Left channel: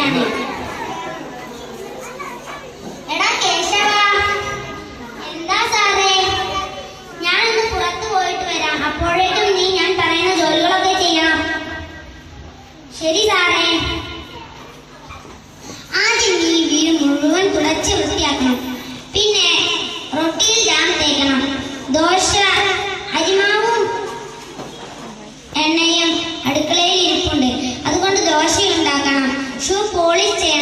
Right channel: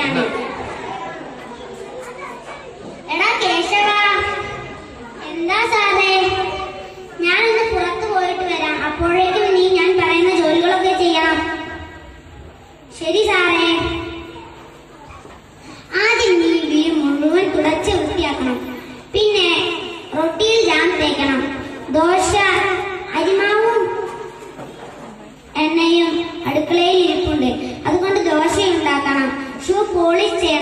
പോയിട്ടാണ്. എടാ കേശവ, എന്താ സാറേ? ഞാൻ ഇന്ന് പുറത്തു പോയിട്ട് വരാം. അപ്പോഴേക്കും നീ ഞാൻ പറയുന്ന ജോലികളൊക്കെ ചെയ്യണം. ശരി സാറേ. ആദ്യം നീ വീട് മുഴുവൻ തുളച്ച് വൃത്തിയാക്കണം. പിന്നെ റൊട്ടിയിൽ ജാം തേക്കണം. ദോശ അരിമാവും എണ്ണയും അടുക്കളയിൽ ഇരിപ്പുണ്ട്. അതുകൊണ്ട് ദോശ ഉണ്ടാക്കണം. ഷൂ പോളിഷ് ചെയ്യണം.